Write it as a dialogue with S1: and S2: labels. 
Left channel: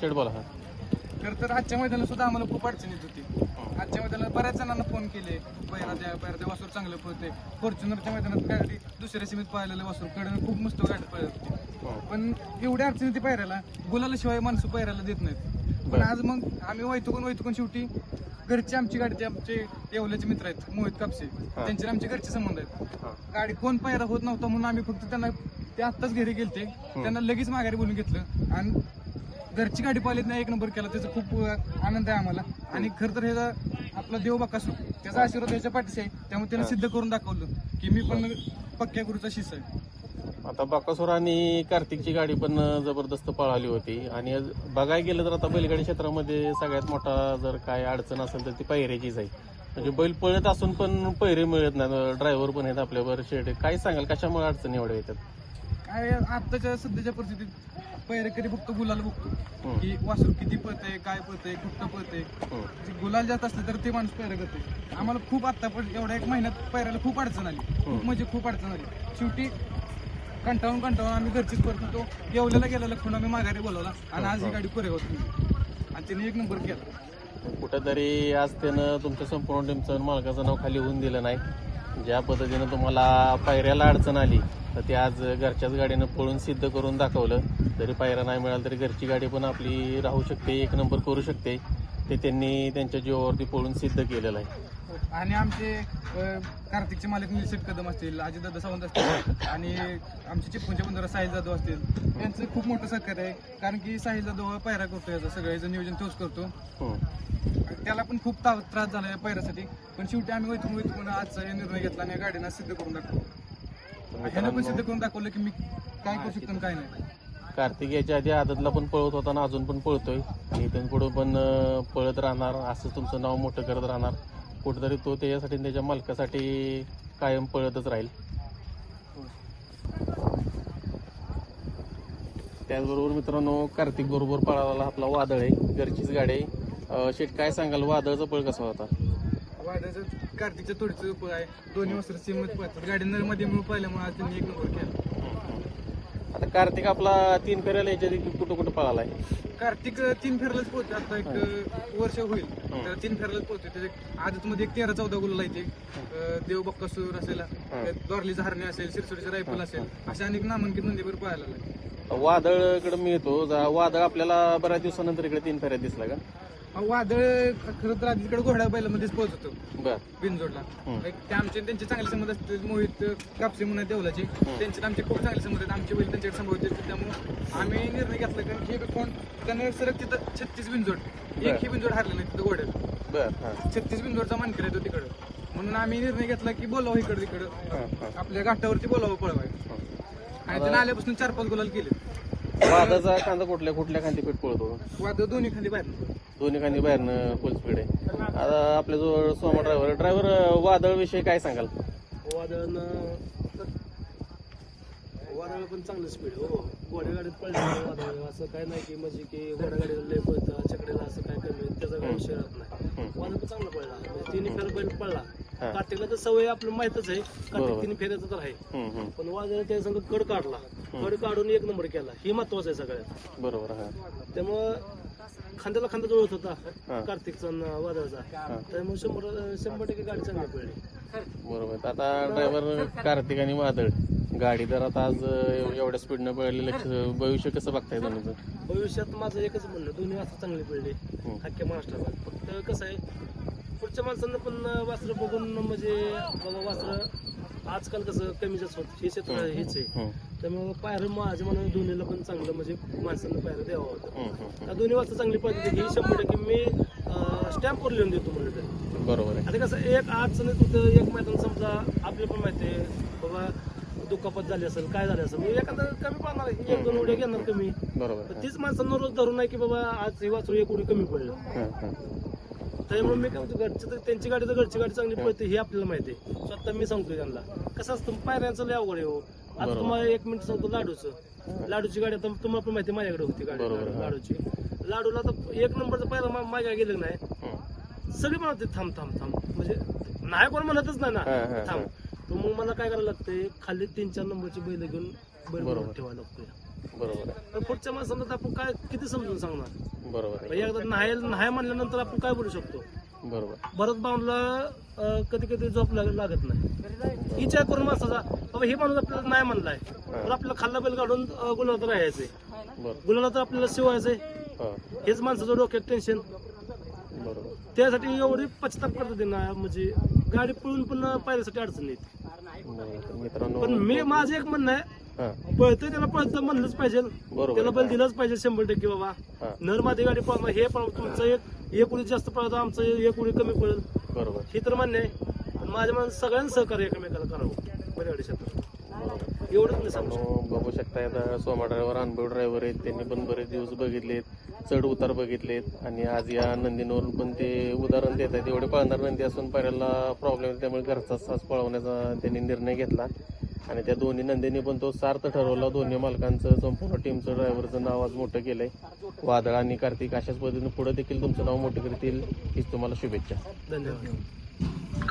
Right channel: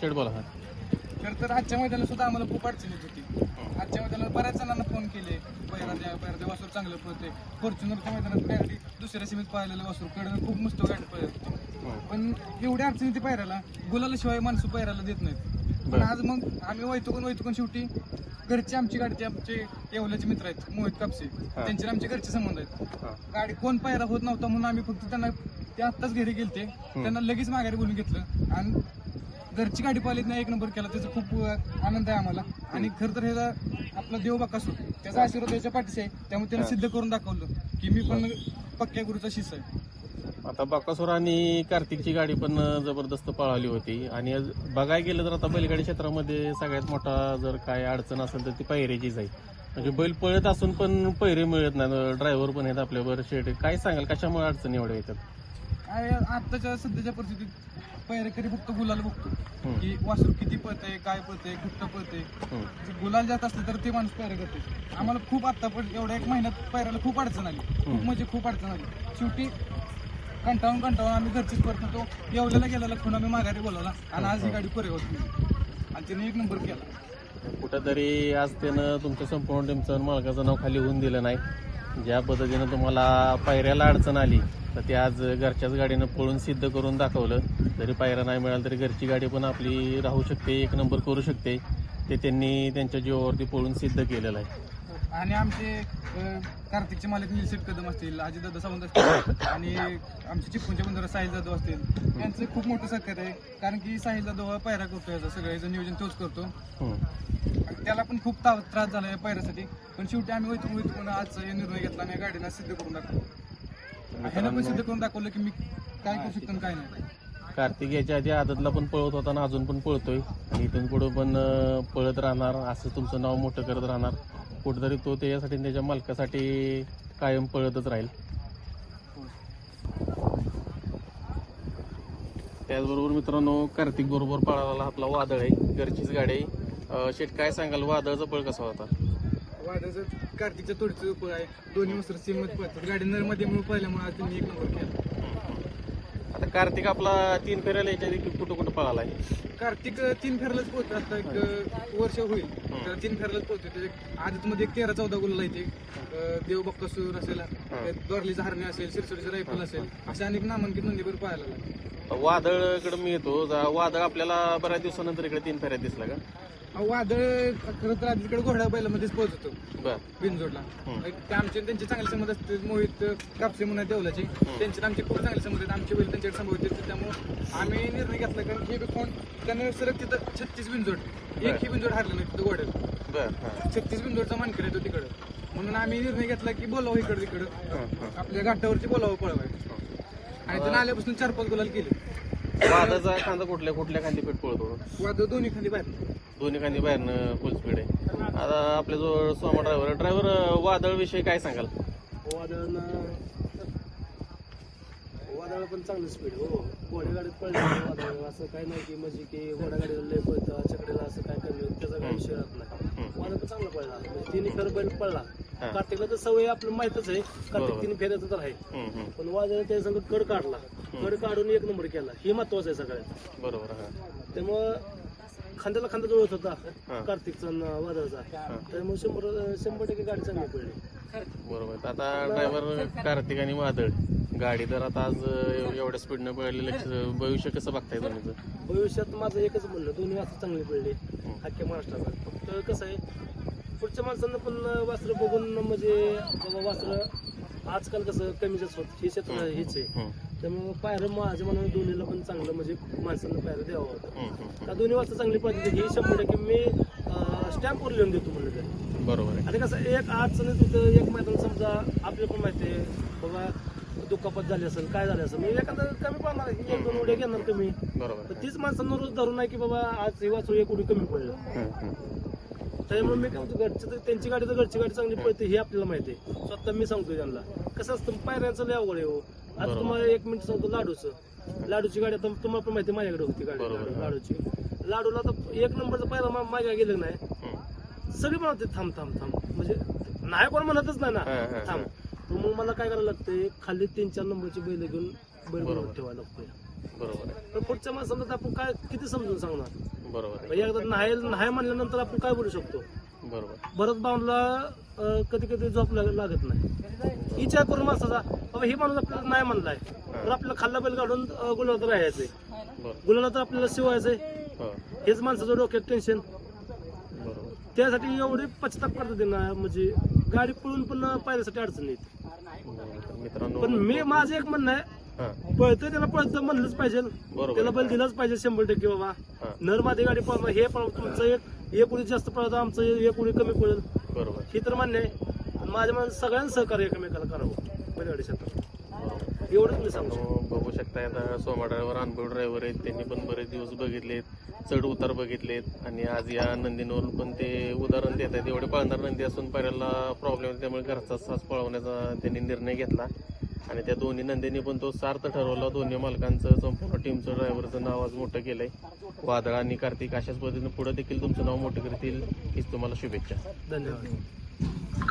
S1: Shade बोला
S2: खरं तर आजच्या मैदानात सुद्धा आम्हाला खूप अडचण येत होती. आजच्या मैदानाला बऱ्याच जणांना फोन केले. पहिला द्या पहिला द्या वासूर चांगलं पळते. फॉर्च्युनरच्या मैदानात गाडी दुसऱ्या सीमेत पाहिलेलं वासूरकडे खूप मस्त गाडी पळत होती. पण एवढी अडचणी ती पायऱ्याला गुलाला शिवाय माणसं पायऱ्याला देत नाहीत. पण आज मग आम्ही वैतुकून वैतुकून शेवटी घरचे आमची गाडी ते आमचे येवल्याचे मित्र आहेत मोहित कापसे. त्यांचे आमचे घरचे संबंध आहेत. गाडी कोण पायरा होत नव्हता म्हणून आम्ही फक्त त्यांना ते आत्ताच घरी गेलते. त्यांना लगेच माघारी बोलून घेतलं. आणि घरची गाडी पाहिलीत नाही एक नंबर केला. त्याचा खूप आनंद आहे आम्हाला. आणि खरं तर ह्याचा आपला देव बाकासू त्याचा आशीर्वाद त्याच्या पाठीशी आहे. त्यामुळे त्याने सिद्ध करून दाखवलं की मी पण पक्क्या गुरुचा शिष्य आहे.
S1: आता बाकासूर आणि कार्तिकची गाडी पण जबरदस्त पळाली होती. आणि बघायला गेलं तर आता बैलगाडी क्षेत्रामध्ये सगळ्यात मोठा जर काय अडचण असेल तर ती पैऱ्याचीच आहे. म्हणजे बैल पळत असून पण पैरे मिळत नाही ड्रायव्हर पण आहेत आपल्यावर शेड काय सांगाल? कशामुळे अडचणी एवढ्या येतात?
S2: काय आत्ताच्या सध्याच्या परिस्थितीत पैरेकरी फक्त गुलाल बघतो. की वासरू किती पळतंय काय पळतंय कुठं पळतंय. जे गुलाल जात असले तर ते माणूस पैरा करते आम्हाला खूप आता पण एवढ्या एक महिन्यात पैरायला खूप अडचण आली. खूप म्हणजे खूप अडचण आली. शेवटी कंटाळून कंटाळून आम्ही घरचीच परत होतो येवल्याला गेलेला खूण आम्ही माघारी बोलवला. आणि आज ही गाडी पुरे होत नाही आणि तिने एक नंबर केला.
S1: कुठंतरी आज त्यानं तुमचं संपूर्ण टीमचं मागाचं नाव खाली होऊन दिलं नाही. ज्या पद्धतीनं तुम्हाला पायऱ्याला अडचण आली तर ते आज घरच्याच गाडीनं पळून सिद्ध करून दाखवलं. जरी पायऱ्या नाही मिळाला तरी घरची गाडी पण आपली राहू शकते एक नंबर करू शकते. ते त्यांनी त्यांच्या जीवावरती पळून सिद्ध केलेलं आहे.
S2: आणि आमचे कार्तिकचे मालिक निलशेट कदम असतील अजितदादा सावंत असतील आणि आमचे चिपकूनचे बंधुरा साहिल जाधव असतील यांचं खूप मोठं सहकार्य आहे. कारण की साहिल जाधव हा पायरा करतो याचं सगळं याचं नियोजन तोच करतो. त्याला पण खूप त्रास झाला या पैऱ्यासाठी पण शेवटी आम्ही वैतून वैतून आजचा निर्णय घेतला आणि या सिद्ध करून दाखवलं. ह्यानं पण सिद्ध करून दाखवलं की मी काय करू शकतो आणि काय नाही.
S1: कार्तिक याच्या आधी आदतला पण पळत होता आणि अजून पण पळतोय. इथून पुढे पण पळत राहणार असं तुमचं नाव मोठं करत राहणार. कुठेतरी तो त्याच्यासाठी त्याच्या मालकासाठी कायम पळतच राहील. त्याचबरोबर मित्रांनो कार्तिक बरोबर पळाला आपला वादळ आहे घरचीच गाडी आहे. शेट काय सांगाल? वादळचा पळ कसा होता?
S2: वादळचं कार्तिकच्या तोडीचं उप आहे. दोन्ही वस्त्र सीमत पळतात. गाडी नरमध्ये पळल्यामुळे पाहिल्यामुळे आज त्यांनी एक नंबर केला.
S1: कार्तिक आपला तीन फेऱ्याला याच्या आधी कुठं कुठं पळाला आहे?
S2: कार्तिक तीन फेरलाच पोहोचतो आता एक अं, वर्ष होईल. तर तीन फेरलाच पोहोचतो त्याच्या आदत मध्ये एक तेरा चौदा गुलाल येते देव बक्कासूर असेल दोरलीचा हरणे असेल सिरसोडीचा रायफल असेल अशा अनेक नामांकित नंदीवर पाहायला लागले.
S1: वादळकडे मी येतो. जा- वादळ आपल्याला बऱ्याच दिवसानंतर इकडे तीन फेऱ्यात दिसला का?
S2: वादळ खरं तर आधी तिकडे घोड्या बैलामध्येच पोहोचतो.
S1: बर.
S2: बिनजोडला.
S1: हम्म.
S2: एक ते आमचे त्यांचे चांगले संबंध असते मोहित कापसे म्हणून देवलाचे त्यांचे आणि आमचे खूप चांगले संबंध आहेत. आमचे बैल त्यांच्याकडे संभवत येते त्यामुळे आम्ही निर्णय घेतला. कारण हे बी कोण? त्यानं सरक तिथं छत्तीस बिनजोड. एक ही बिनजोड हारले नाही तिथं
S1: बर हा.
S2: छत्तीस बिनजोडचा मानकर येतो तिकडं. म्हणून आम्ही निर्णय घेतला की बोलावं इकडं तिकडं.
S1: हा, हा.
S2: आपल्या घाटावरती बोलावं पळवाय आणि त्यानं आल्यापासून चार पाच गुलाल केले
S1: वादळाचा कांदा कुठल्या कुठल्या कांदीपेठ पळतो?
S2: वादळ दोन्ही खाली बाहेर
S1: दोन्ही कांदी बाहेरनं फुल स्पीड आहे आता आपल्या जवळ सोमा ड्रायव्हर ड्रायव्हर वादळ विषयी काय सांगाल?
S3: वादळानं वादळ पण चांगलं स्पीड हो. घोड्यागाडीत पळलं वादळ असं काय नाही की म्हणजे की घोड्यागाडीला लय पळतं चकड्याला असं काय कमी त्याचा काय विषय राहत नाही. वादळ पण चांगला पडला म्हणजे तिन्ही फेर बैल पडला. कार्तिकला तर सवय आपलं माहितच आहे. कार्तिक तीन फेऱ्याचं तर आहे. पण वादळ त्या संग कड काढला. कड काढून एक नंबर केला. हे महत्वाचं आहे सगळ्यात.
S1: बरोबर
S3: त्यामुळं खांद्याला खांदा जुळत. होता कार्तिकचा वादळचा. त्यामुळे शंभर शंभर टक्के गाडी चांगली पडली.
S1: बरोबर. आता ड्रायव्हर कार्तिक आणि वादळ. गाडी तर आता आज एवढ्या स्पीडनं पळाली लक्ष भविष्य कसं बघताय तुम्ही?
S3: भविष्यात माझं एकच म्हणणं दोन्ही वासरं चांगली पडली. अख्ख्या महाराष्ट्रात. फक्त कसं आहे पुढच्या माणसांना पण वासरं बघून म्हणजे बाबा वासरं आजकाल कसं कमी जास्त होत. हे क्षेत्र हेच आहे. त्यामुळे पायरं माझ्या मनाने दोन्हीला पण चांगलं म्हणजे माणसांना पायरं द्यावं होतं दोन्ही वाजता चांगली पडते ही शंभर टक्के मी स्टॅम्पवर लिहून देतो म्हणलं तर.
S1: बरोबर
S3: आता कसं एक अडचणीत होतं एक मैदान समजा आपल्याला पण माहिती आहे. बाबा दुखापत झाली असेल काय झालं असेल मी एखादं कमी पाहणार एक दोन उड्या घेणार कमी. तीच माणसांना रोज धरून नाही की बाबा आज हे वाचू एक उडी कमी पडलं. त्यामुळे मी काय म्हणतो घरची तर त्यांची गाडी तर घरची गाडी चांगली पळते हे आपल्याला माहिती आहे. स्वतः मी सांगतो त्यांना. कसं असतं पायऱ्यांचं लय अवघड आहे हो. आता तुम्हाला एक मिनिट सांगतो लाडूचं. लाडूची गाडी आता तुम्हाला पण माहिती माझ्याकडे होती गाडी. लाडू- लाडूची. लाडूला तर एक नंबरचा पायरा मा- माझ्या गेलं नाही. सगळी म्हणते थांब थांब थांब. म्हणजे नाही कोण म्हणतच नाही ना. थांब. तर मग मला काय करायला लागतंय खाली तीन चार नंबरची बैल घेऊन बैल.
S1: बरोबर.
S3: ठेवायला लागतोय. पण पुढच्या माणसांना तर आपण काय किती समजून सांगणार?
S1: बरोबर
S3: म्हणजे एकदा नाही नाही म्हणल्यानंतर आपण काय बोलू शकतो?
S1: बरोबर.
S3: भरत बांधला कधी कधी झोप लाग- लागत नाही. विचार करून माणसाचा बाबा हे माणूस आपल्याला नाही म्हणलाय. तर आपल्याला खाल्ला बैल काढून गुलाबात राहायचंय.
S1: बरोबर
S3: गुलाला तर आपल्याला शिवायचंय.
S1: हो.
S3: हेच माणसाचं डोक्यात टेन्शन
S1: बरोबर.
S3: त्यासाठी एवढी पश्चाताप करतात त्यांना म्हणजे गाडी पळून पण पायऱ्यासाठी अडचण येते.
S1: बरोबर. तर मित्रांनो
S3: पण मी माझं एक म्हणणं आहे
S1: हा.
S3: पळतोय त्याला पळतं म्हणलंच पाहिजे.
S1: बरोबर.
S3: त्याला बैल दिलाच पाहिजे शंभर टक्के बाबा.
S1: हा.
S3: नर मादी गाडी पळवा हे पळवा तुमचं एक एक उडी जास्त पळतं आमचं एक उडी कमी पळेल.
S1: बरोबर.
S3: हे तर मान्य आहे. पण माझ्या माणसं सगळ्यांना सहकार्य एकमेकाला करावं बैलगाडी क्षेत्रात. एवढंच मी सांगू शकतो.
S1: मित्रांनो, बघू शकता आता सोमा ड्रायव्हर अनुभव ड्रायव्हर आहेत त्यांनी पण बरेच दिवस बघितलेत चढ उतार बघितलेत. आणि आज या नंदींवरून पण ते उदाहरण देत आहेत एवढे पळणार नंदी असून पहिल्याला प्रॉब्लेम त्यामुळे घरचा सास पळवण्याचा त्यांनी निर्णय घेतला. आणि त्या दोन्ही नंदींनी पण तो सार्थ ठरवला. दोन्ही मालकांचं संपूर्ण टीमचं ड्रायव्हरचं नाव आज मोठं केलंय. वादळ आणि कार्तिक अशाच पद्धतीने पुढे देखील तुमचं नाव मोठं करतील हीच तुम्हाला शुभेच्छा.
S3: धन्यवाद.